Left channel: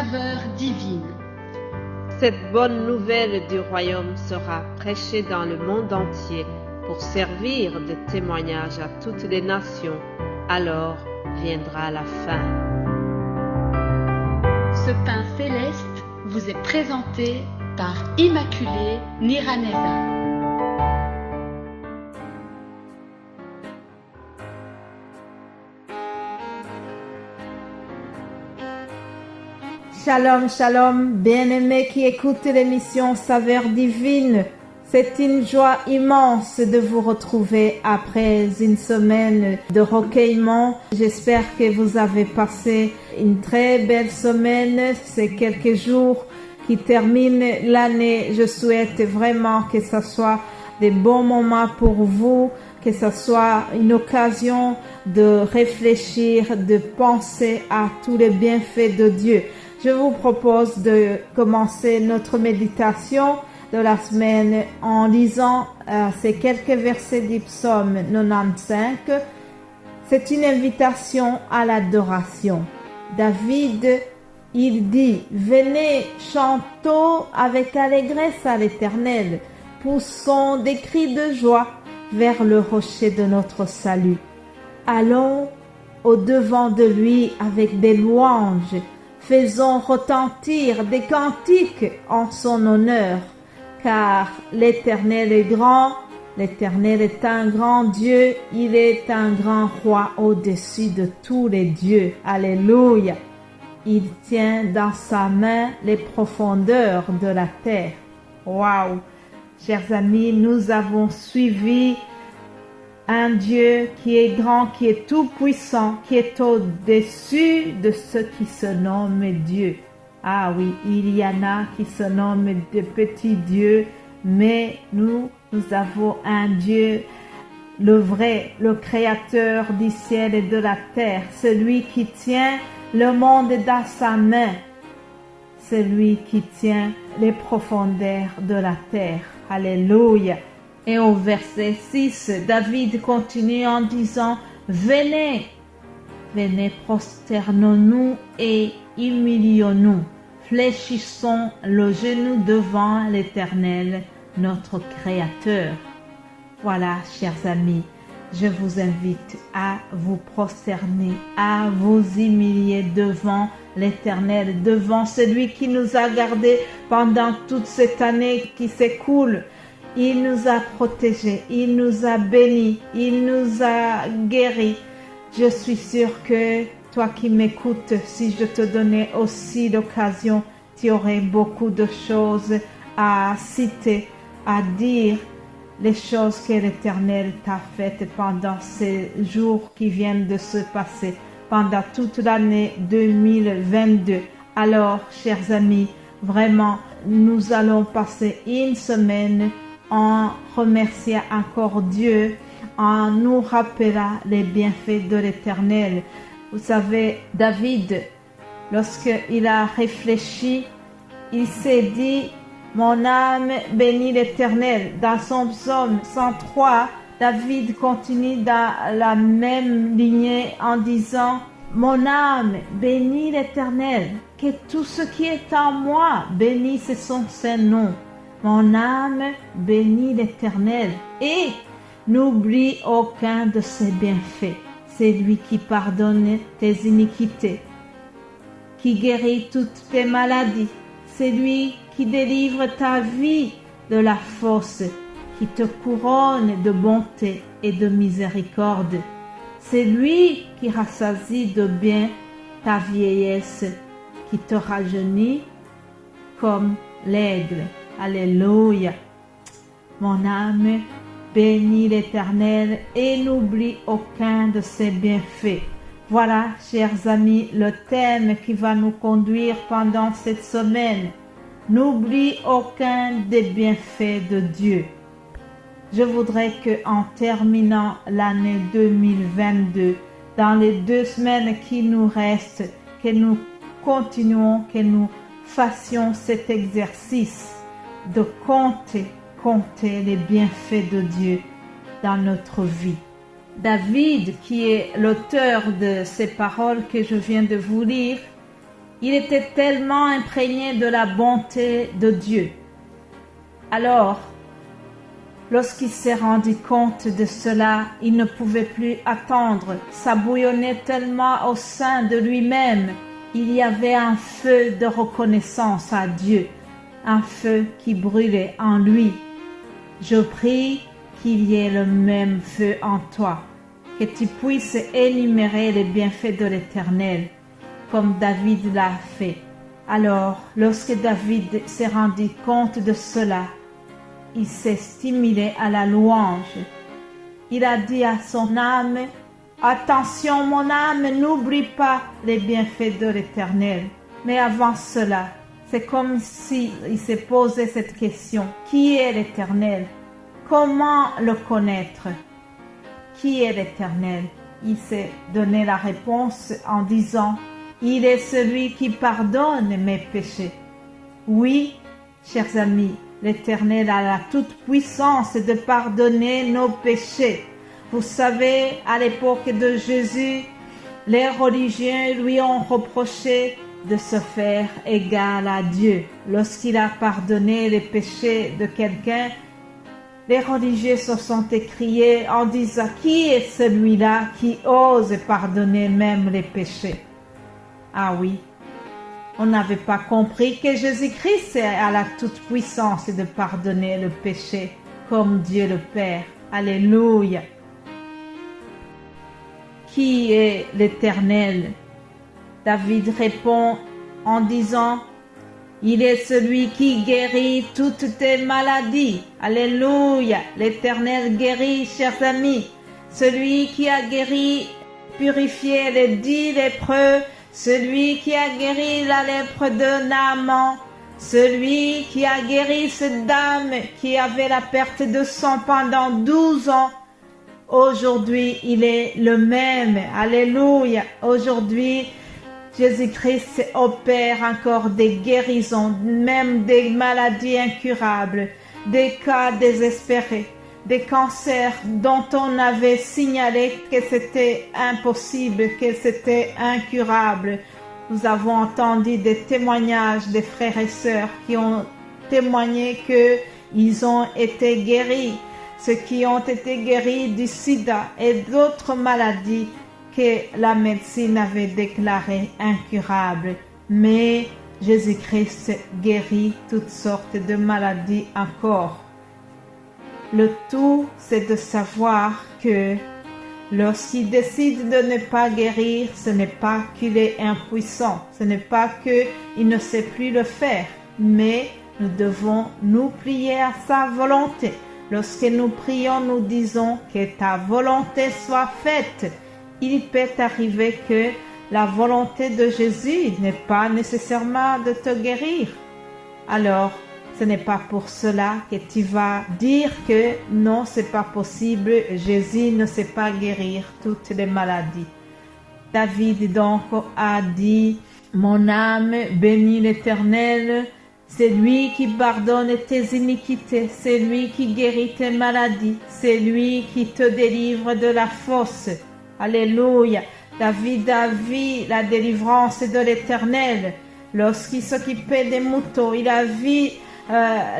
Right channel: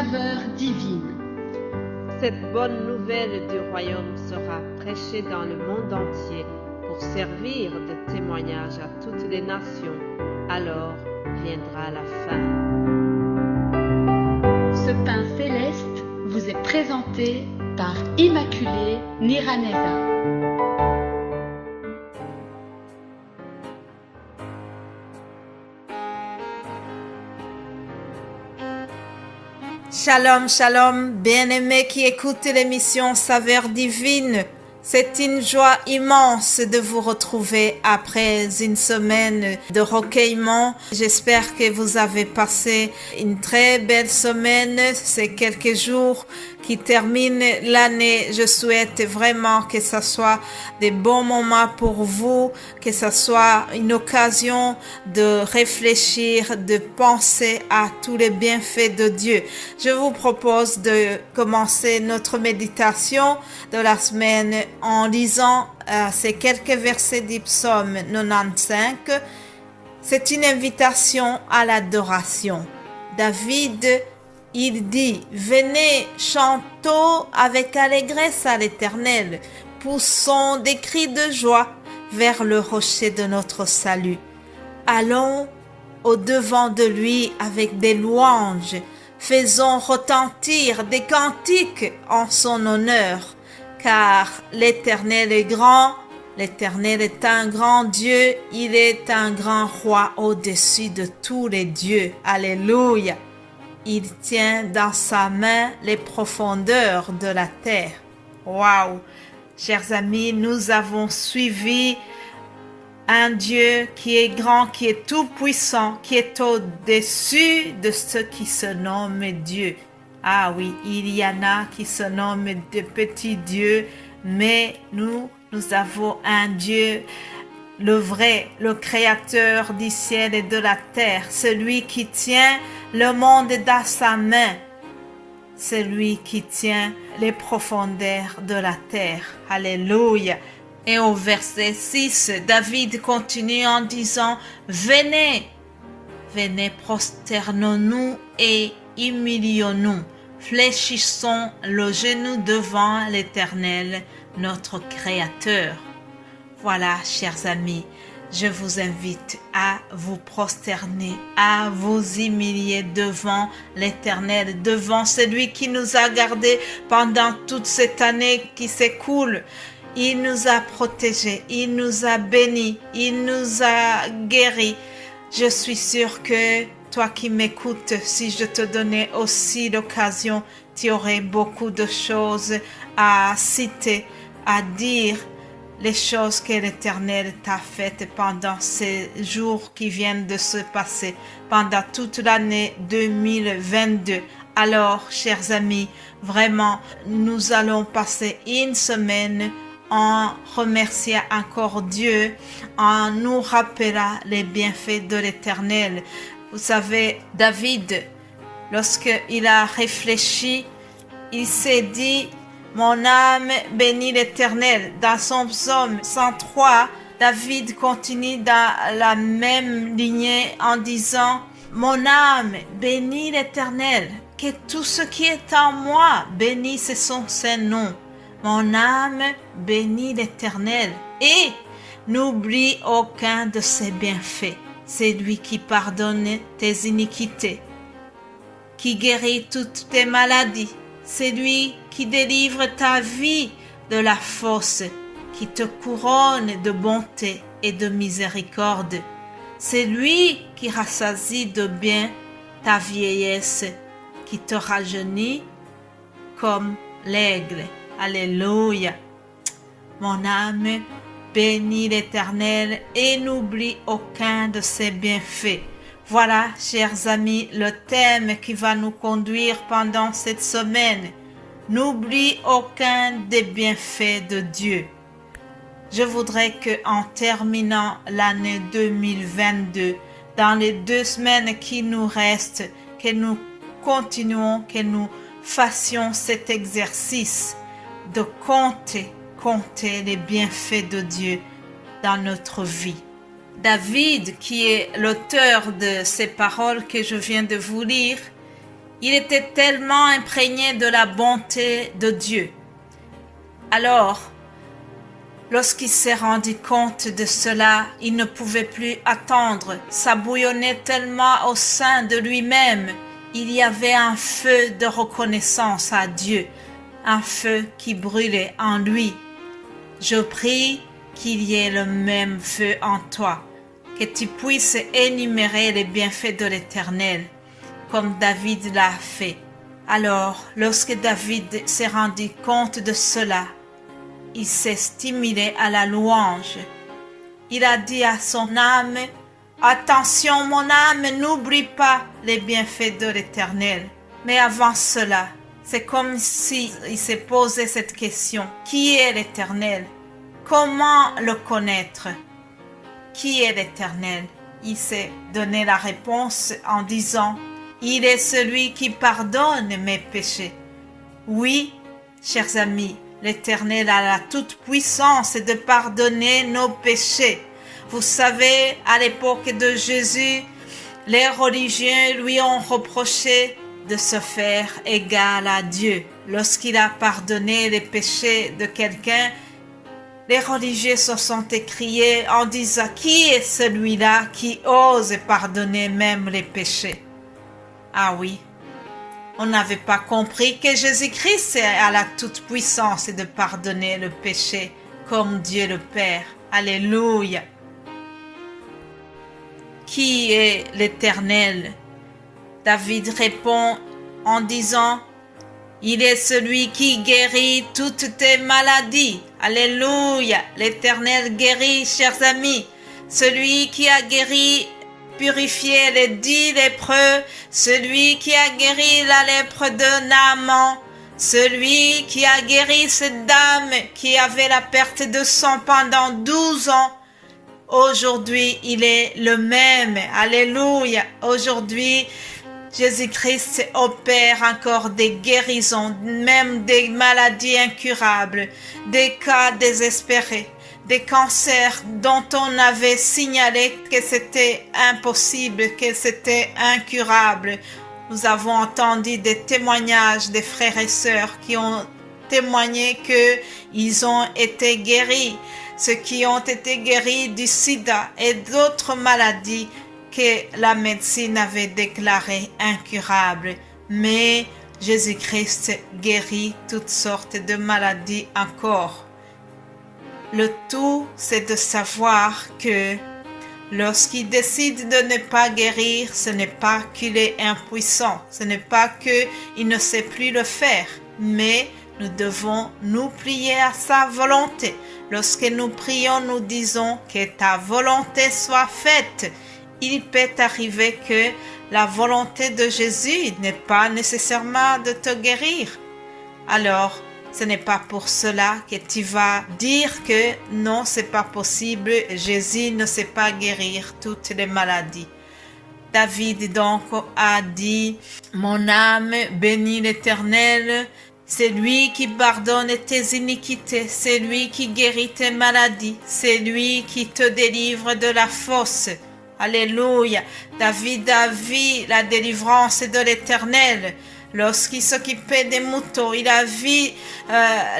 saveur divine. Cette bonne nouvelle du royaume sera prêchée dans le monde entier pour servir de témoignage à toutes les nations. Alors viendra la fin. Ce pain céleste vous est présenté par Immaculée Niraneza. Shalom, shalom, bien-aimés qui écoutent l'émission Saveur Divine. C'est une joie immense de vous retrouver après une semaine de recueillement. J'espère que vous avez passé une très belle semaine. C'est quelques jours qui terminent l'année. Je souhaite vraiment que ce soit des bons moments pour vous, que ce soit une occasion de réfléchir, de penser à tous les bienfaits de Dieu. Je vous propose de commencer notre méditation de la semaine en lisant ces quelques versets du psaume 95. C'est une invitation à l'adoration. David, il dit: venez, chantons avec allégresse à l'Éternel, poussons des cris de joie vers le rocher de notre salut. Allons au-devant de lui avec des louanges, faisons retentir des cantiques en son honneur, car l'Éternel est grand, l'Éternel est un grand Dieu, il est un grand roi au-dessus de tous les dieux. Alléluia! Il tient dans sa main les profondeurs de la terre. Waouh! Chers amis, nous avons suivi un Dieu qui est grand, qui est tout puissant, qui est au-dessus de ceux qui se nomment Dieu. Ah oui, il y en a qui se nomment de petits dieux, mais nous avons un Dieu, le vrai, le créateur du ciel et de la terre, celui qui tient le monde dans sa main, celui qui tient les profondeurs de la terre. Alléluia. Et au verset 6, David continue en disant: venez, venez, prosternons-nous et humilions-nous, fléchissons le genou devant l'Éternel, notre Créateur. Voilà, chers amis, je vous invite à vous prosterner, à vous humilier devant l'Éternel, devant celui qui nous a gardés pendant toute cette année qui s'écoule. Il nous a protégés, il nous a bénis, il nous a guéris. Je suis sûre que toi qui m'écoutes, si je te donnais aussi l'occasion, tu aurais beaucoup de choses à citer, à dire, les choses que l'Éternel t'a faites pendant ces jours qui viennent de se passer, pendant toute l'année 2022. Alors, chers amis, vraiment, nous allons passer une semaine en remerciant encore Dieu, en nous rappelant les bienfaits de l'Éternel. Vous savez, David, lorsqu'il a réfléchi, il s'est dit: mon âme bénit l'Éternel. Dans son psaume 103, David continue dans la même lignée en disant: mon âme bénit l'Éternel, que tout ce qui est en moi bénisse son Saint-Nom. Mon âme bénit l'Éternel et n'oublie aucun de ses bienfaits. C'est lui qui pardonne tes iniquités, qui guérit toutes tes maladies. C'est lui qui délivre ta vie de la fosse, qui te couronne de bonté et de miséricorde. C'est lui qui rassasie de bien ta vieillesse, qui te rajeunit comme l'aigle. Alléluia. Mon âme bénit l'Éternel et n'oublie aucun de ses bienfaits. Voilà, chers amis, le thème qui va nous conduire pendant cette semaine. N'oublie aucun des bienfaits de Dieu. Je voudrais qu'en terminant l'année 2022, dans les 2 semaines qui nous restent, que nous continuons, que nous fassions cet exercice de compter les bienfaits de Dieu dans notre vie. David, qui est l'auteur de ces paroles que je viens de vous lire, Il était tellement imprégné de la bonté de Dieu. Alors, lorsqu'il s'est rendu compte de cela, il ne pouvait plus attendre. Ça bouillonnait tellement au sein de lui-même. Il y avait un feu de reconnaissance à Dieu, un feu qui brûlait en lui. Je prie qu'il y ait le même feu en toi, que tu puisses énumérer les bienfaits de l'Éternel, comme David l'a fait. Alors, lorsque David s'est rendu compte de cela, il s'est stimulé à la louange. Il a dit à son âme, « Attention mon âme, n'oublie pas les bienfaits de l'Éternel. » Mais avant cela, c'est comme s'il s'est posé cette question. Qui est l'Éternel? Comment le connaître? Qui est l'Éternel? Il s'est donné la réponse en disant, « Il est celui qui pardonne mes péchés. » Oui, chers amis, l'Éternel a la toute-puissance de pardonner nos péchés. Vous savez, à l'époque de Jésus, les religieux lui ont reproché de se faire égal à Dieu. Lorsqu'il a pardonné les péchés de quelqu'un, les religieux se sont écriés en disant « Qui est celui-là qui ose pardonner même les péchés ?» Ah oui, on n'avait pas compris que Jésus-Christ a la toute-puissance de pardonner le péché comme Dieu le Père. Alléluia. Qui est l'Éternel? David répond en disant, il est celui qui guérit toutes tes maladies. Alléluia. L'Éternel guérit, chers amis. Celui qui a guéri, purifié les 10 lépreux, celui qui a guéri la lèpre de Naaman, celui qui a guéri cette dame qui avait la perte de sang pendant 12 ans. Aujourd'hui, il est le même. Alléluia. Aujourd'hui, Jésus-Christ opère encore des guérisons, même des maladies incurables, des cas désespérés, des cancers dont on avait signalé que c'était impossible, que c'était incurable. Nous avons entendu des témoignages des frères et sœurs qui ont témoigné qu'ils ont été guéris, ceux qui ont été guéris du sida et d'autres maladies que la médecine avait déclarées incurables. Mais Jésus-Christ guérit toutes sortes de maladies encore. Le tout, c'est de savoir que lorsqu'il décide de ne pas guérir, ce n'est pas qu'il est impuissant, ce n'est pas qu'il ne sait plus le faire, mais nous devons nous plier à sa volonté. Lorsque nous prions, nous disons que ta volonté soit faite. Il peut arriver que la volonté de Jésus n'est pas nécessairement de te guérir. Alors, ce n'est pas pour cela que tu vas dire que non, c'est pas possible, Jésus ne sait pas guérir toutes les maladies. David donc a dit, mon âme bénit l'Éternel, c'est lui qui pardonne tes iniquités, c'est lui qui guérit tes maladies, c'est lui qui te délivre de la fosse. Alléluia. David a vu la délivrance de l'Éternel. Lorsqu'il s'occupait des moutons, il a vu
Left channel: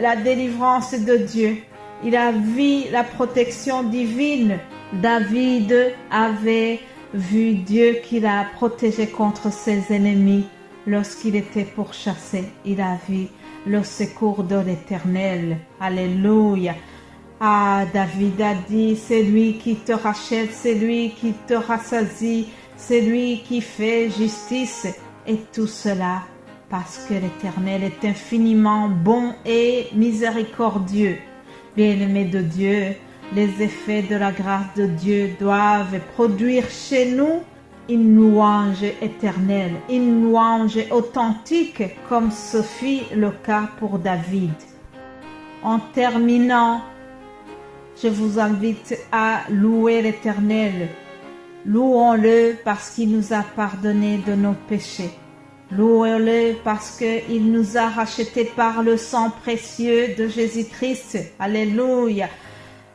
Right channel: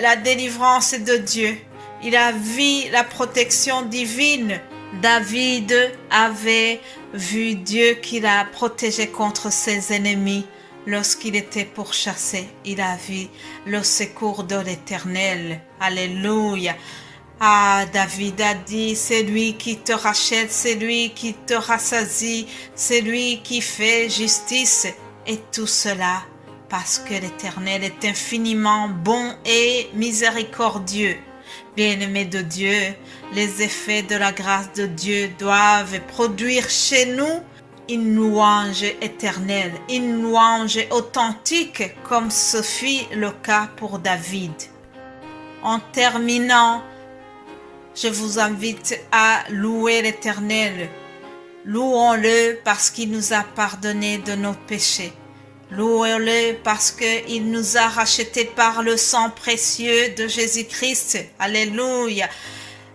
la délivrance de Dieu. Il a vu la protection divine. David avait vu Dieu qui l'a protégé contre ses ennemis. Lorsqu'il était pourchassé, il a vu le secours de l'Éternel. Alléluia. Ah, David a dit, c'est lui qui te rachète, c'est lui qui te rassasie, c'est lui qui fait justice. Et tout cela parce que l'Éternel est infiniment bon et miséricordieux. Bien-aimés de Dieu, les effets de la grâce de Dieu doivent produire chez nous une louange éternelle, une louange authentique comme ce fut le cas pour David. En terminant, je vous invite à louer l'Éternel. Louons-le parce qu'il nous a pardonné de nos péchés. Louons-le parce qu'il nous a rachetés par le sang précieux de Jésus-Christ. Alléluia.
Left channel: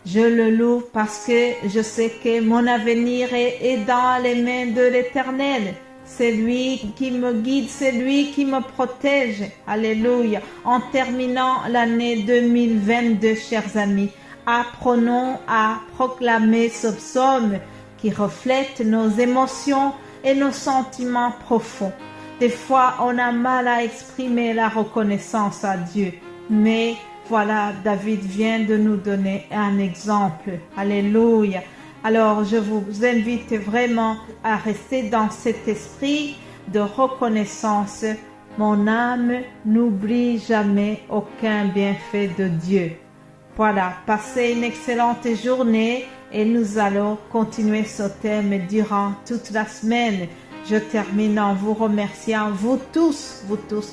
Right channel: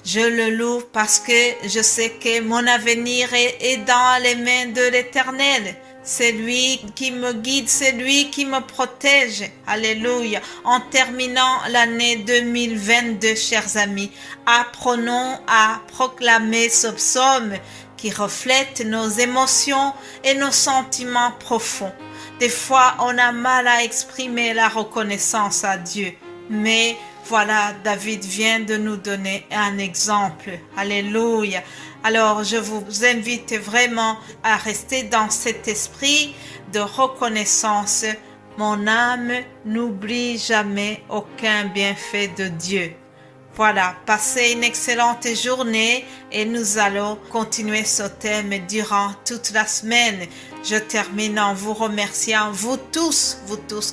Je le loue parce que je sais que mon avenir est dans les mains de l'Éternel. C'est lui qui me guide, c'est lui qui me protège. Alléluia. En terminant l'année 2022, chers amis, apprenons à proclamer ce psaume qui reflète nos émotions et nos sentiments profonds. Des fois, on a mal à exprimer la reconnaissance à Dieu, mais voilà, David vient de nous donner un exemple. Alléluia. Alors, je vous invite vraiment à rester dans cet esprit de reconnaissance. Mon âme n'oublie jamais aucun bienfait de Dieu. Voilà, passez une excellente journée et nous allons continuer ce thème durant toute la semaine. Je termine en vous remerciant, vous tous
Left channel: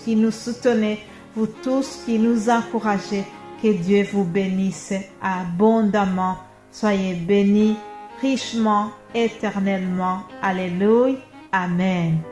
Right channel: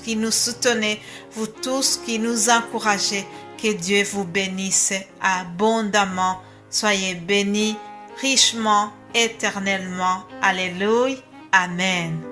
qui nous soutenez, vous tous qui nous encouragez. Que Dieu vous bénisse abondamment. Soyez bénis richement, éternellement. Alléluia. Amen.